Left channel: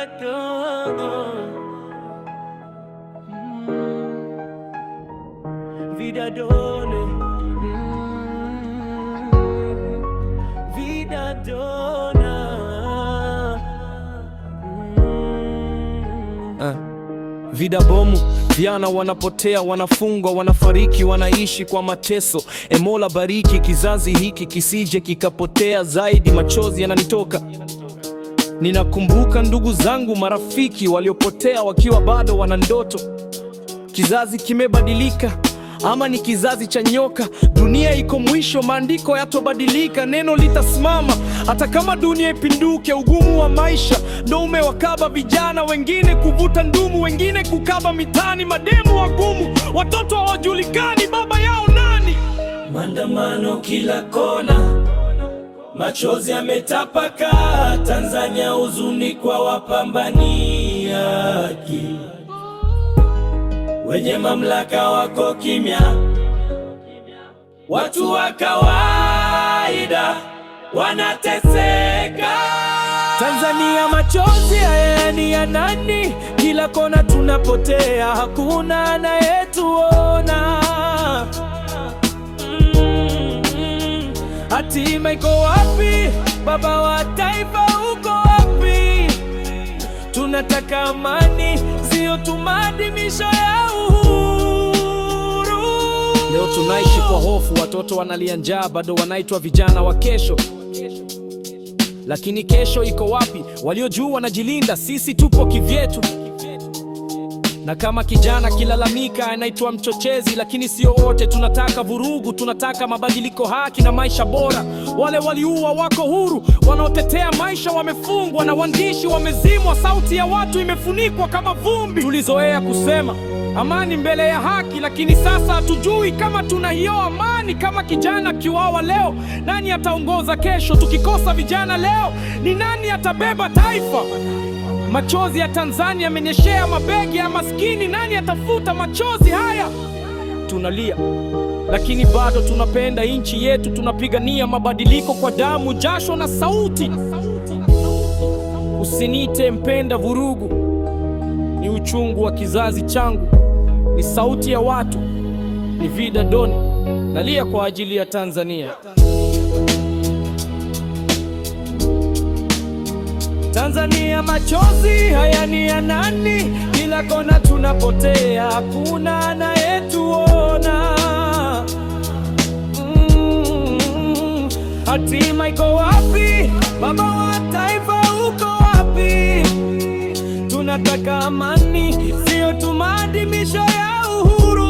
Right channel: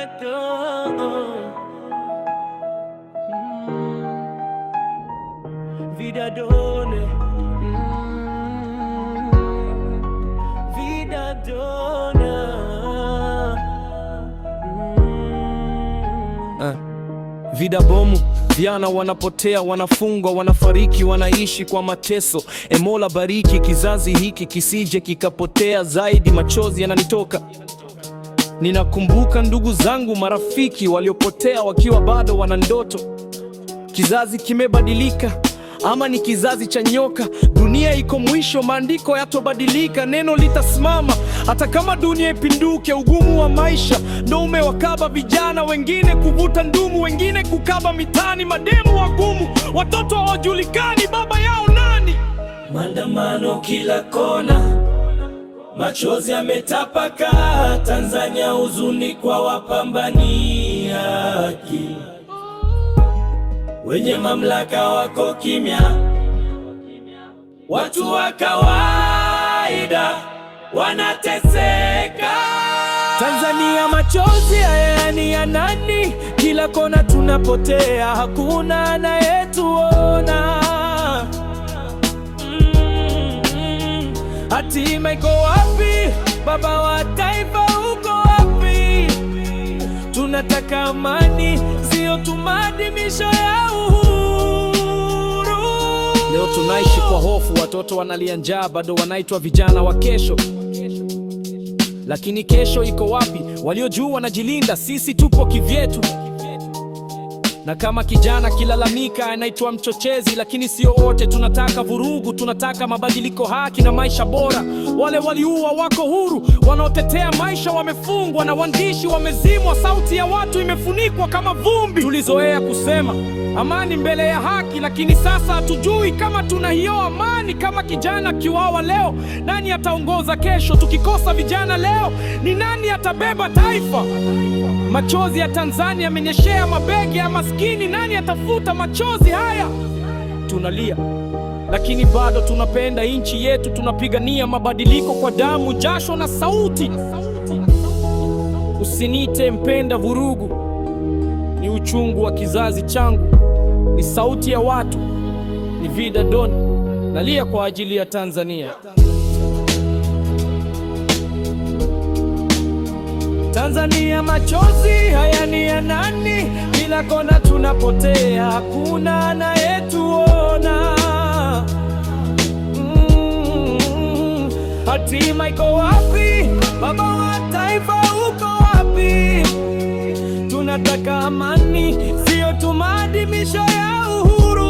vida dona, vida dona, vida dona. Vida bomu, vijana wanapotea, wanafungwa, wanafariki, wanaishi kwa mateso. Mola bariki kizazi hiki kisije kikapotea zaidi. Machozi yananitoka, ninakumbuka ndugu zangu, marafiki waliopotea wakiwa bado wana ndoto. Kizazi kimebadilika, ama ni kizazi cha nyoka? Dunia iko mwisho, maandiko yatobadilika, neno litasimama hata kama dunia ipinduke. Ugumu wa maisha ndo umewakaba vijana, wengine kuvuta ndumu, wengine kukaba mitani. Mademu wagumu, watoto hawajulikani baba yao nani. Maandamano kila kona, machozi yametapaka. Tanzania huzuni kwa wapambani haki, wenye mamlaka wako kimya, watu wa kawaida wanateseka. Tanzania, machozi haya ni ya nani? Kila kona tunapotea, hakuna anayetuona. Hatima iko wapi? Baba wa taifa uko wapi? Tunataka amani, sio tumaadhimisho ya uhuru. Leo tunaishi kwa hofu, watoto wanalia njaa, bado wanaitwa vijana wa kesho. Lakini kesho iko wapi? Walio juu wanajilinda, sisi tupo kivyetu. Na kama kijana kilalamika anaitwa mchochezi, lakini sio wote tunataka vurugu. Tunataka mabadiliko, haki na maisha bora. Wale waliua wako huru, wanaotetea maisha wamefungwa, na waandishi wamezimwa. Sauti ya watu imefunikwa kama vumbi. Tulizoea kusema amani mbele ya haki, lakini sasa hatujui kama tuna hiyo amani. Kama kijana kiwawa leo, nani ataongoza kesho? Tukikosa vijana leo, ni nani atabeba taifa? Machozi ya Tanzania yamenyeshea mabegi ya maskini, nani atafuta machozi haya? Tunalia, lakini bado tunapenda nchi yetu. Tunapigania mabadiliko kwa damu, jasho na sauti. Usiniite mpenda vurugu, ni uchungu wa kizazi changu, ni sauti ya watu, ni vida dona. Nalia kwa ajili ya Tanzania. Tanzania, machozi haya ni ya nani? Kila kona tunapotea, hakuna anayetuona. Hatima iko wapi? Baba wa taifa uko wapi? Tunataka amani, sio tu maadhimisho ya uhuru.